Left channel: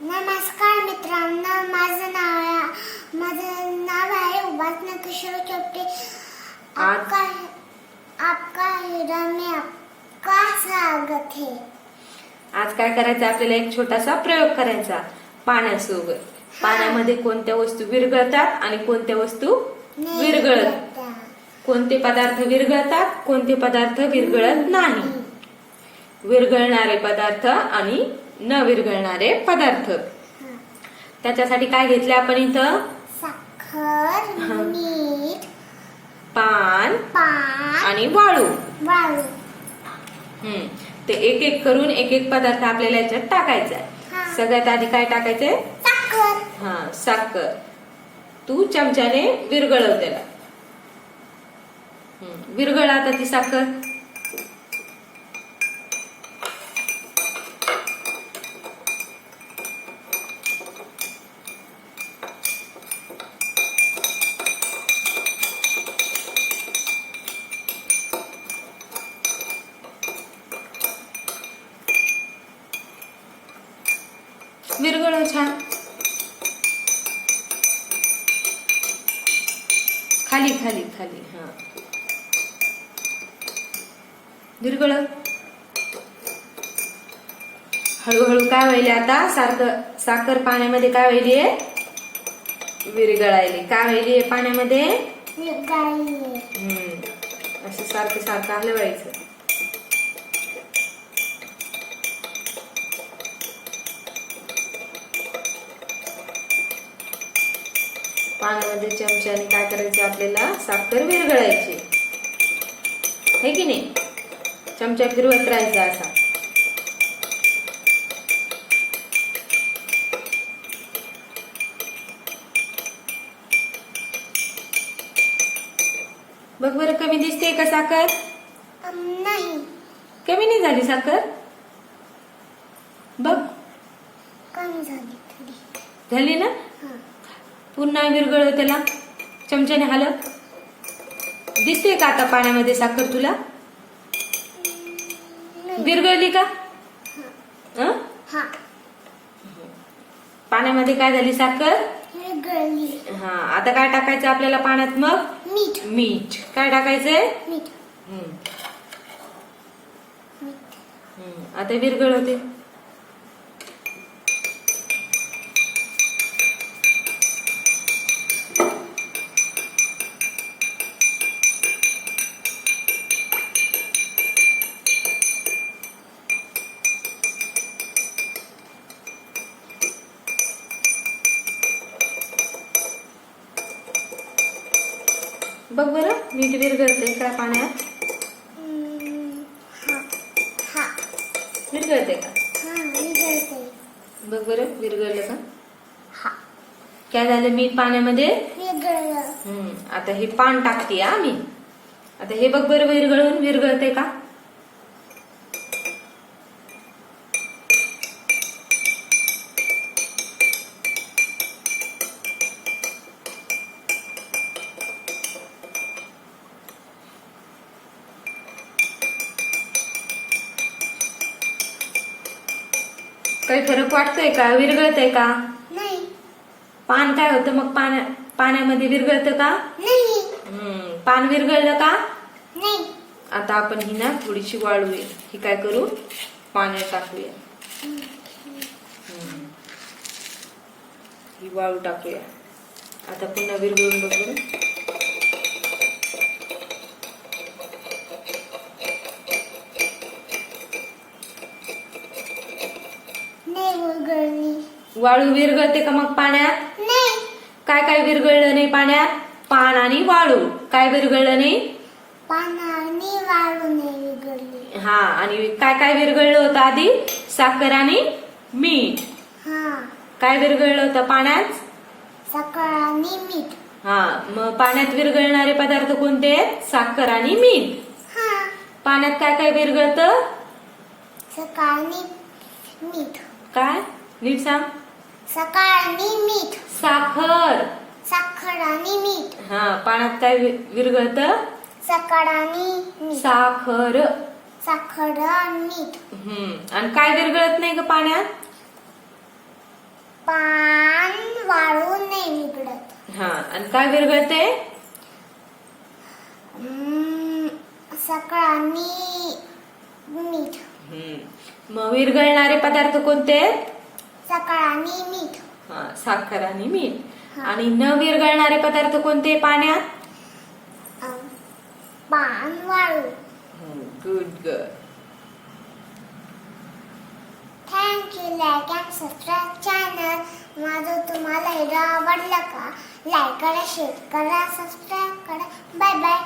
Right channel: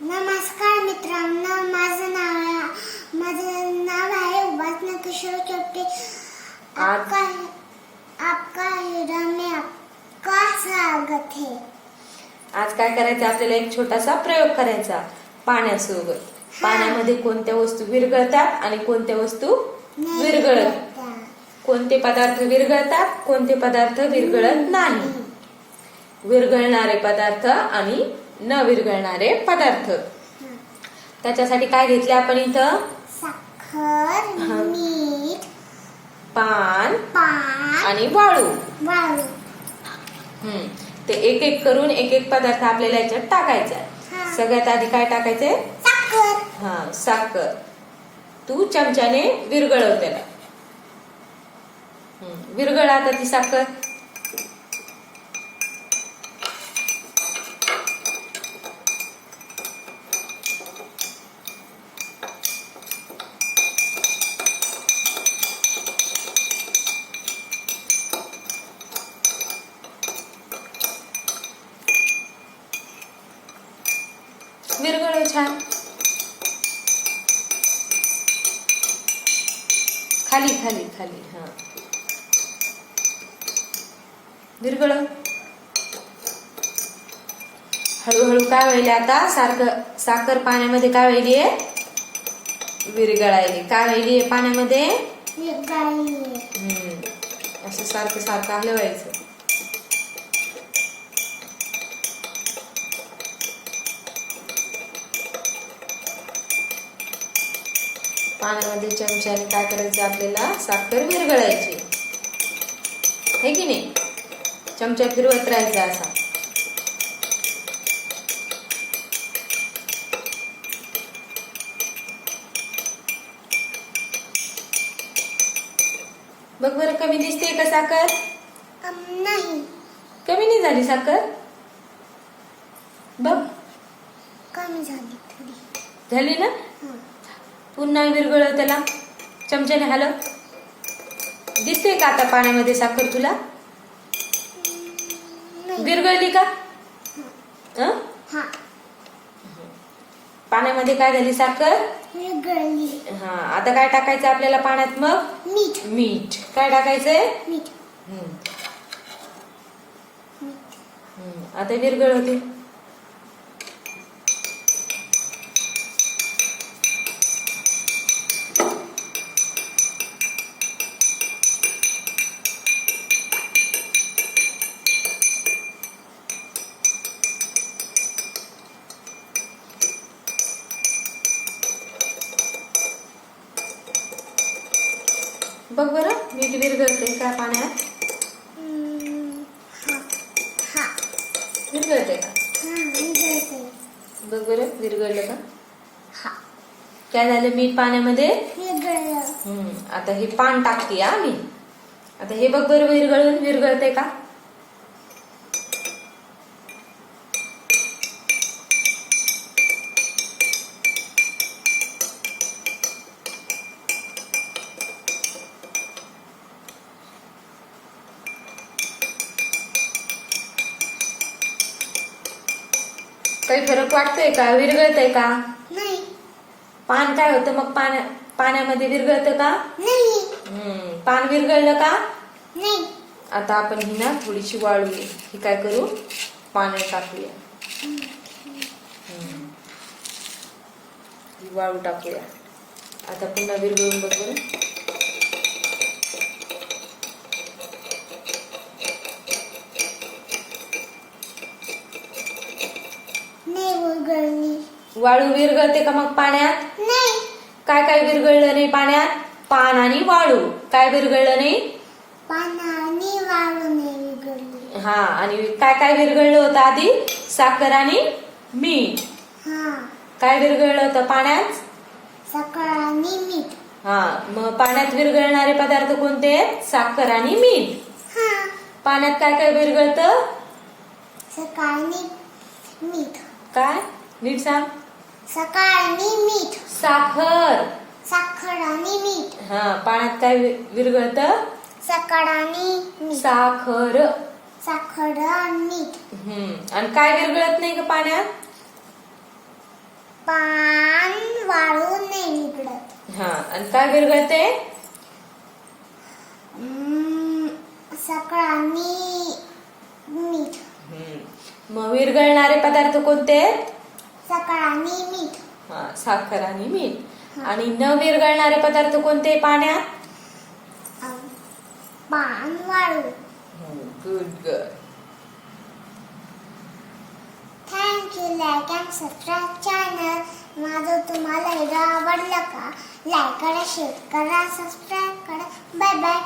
नमस्कार मित्रांनो, माझं नाव आहे उपासना किशोर चोपटे। आपका हीरा में आपका स्वागत है। आज काय करायचं, आपल्याला एक छोटासा प्रयोग करायचा पाण्यासोबत। पाण्यामध्ये कोणत्या वस्तू विरघळतात आणि कोणत्या वस्तू विरघळत, कोणते पदार्थ विरघळतात, कोणते पदार्थ विरघळत नाही, विरघळणारे पदार्थ आणि न विरघळणारे पदार्थ। त्याच्यासाठी काय घेतले आपण इथं? साखर, मीठ, पान आणि वाळू। ते एक एक करून एक एक पदार्थ आपल्याला याच्यात टाकायचा आहे। सगळ्यात आधी काय टाकायचंय? साखर। साखर तू चमच्याने विरघळव त्याला। विरघळ आता ती साखर। विरघळव छान। खाली खाली खाली विरघळव। हळूहळू काय व्हायले आता? साखर पाण्यामध्ये काय व्हायली? विरघळायली। काय व्हायली पाण्यामध्ये? असं सारखं सारखं हलवायचं। पाण्यामध्ये चमच्याने काय करायचे? आपल्याला साखर विरघळायची है की नाही? चमचा फिरवत राहायचा असा। बघ बरं, कमी दिसते का साखर? नाही, कमी नाही झाली साखर। बघ कमी झाली, थोडी झाली ना। पुन्हा विरघळव त्याला, चमच्याने हलव। दिसते का आता पाण्यामध्ये साखर तुला? विरघळली का? पाण्यामध्ये काय झाली? साखर विरघळली। आता काय टाकायचं आपल्याला पाण्यात? मग मीठ। मीठ काय टाकायचंय? मीठ। आता विरघळवते। बघ बरं, मीठ विरघळते का पाण्यात? विरघळते का? बघ बरं, विरघळलं का? काय झालं? मीठ पाण्यामध्ये विरघळलं। आता हे पान टाकते मी। आता हे बघ बरं, विरघळते का? काही फरक वाटतोय का? विरघळतंय का? नाही। पान काय होतं मग? पाण्यामध्ये विरघळतं का? नाही। पान विरघळलं का? नाही। आता आपण ही ना थोडीशी वाळूया। ही काय करू? पाण्यात टाकूया। ही वाळू टाकूया। आता पुन्हा विरघळून बघ बरं। वाळू विरघळते का मग पाण्यात? नाही। काय काय विरघळलं नाही पाण्यात? पान आणि वाळू। काय विरघळलं नाही? पान आणि वाळू नाही विरघळली। आणि काय काय विरघळलं होतं आधी? साखर आणि मीठ। काय विरघळलं होतं पाण्यात? साखर आणि मीठ। मग पाण्यात विरघळणारे पदार्थ कोणते आहेत? साखर आणि मीठ। पाण्यात काय काय विरघळतं? साखर आणि मीठ। काय? नीट सांग। साखर आणि मीठ। साखर आणि मीठ। पाण्यात काय विरघळतं? साखर आणि मीठ। साखर आणि मीठ। आणि काय विरघळत नाही ग पाण्यात? पान वाळून नाही निघडत. हा, आणि काय विरघळते? साखर आणि मीठ. मग विरघळणारे पदार्थ कोणते आहेत? साखर आणि मीठ. हा, साखर आणि मीठ. आणि न विरघळणारे पदार्थ कोणते पाण्यात? पान वाळू. Good girl. Thank you. Like and subscribe channel. माझं तुम्हाला व्हिडिओ आवडला का? लाईक करा, शेअर करा, सबस्क्राईब करा. Bye bye.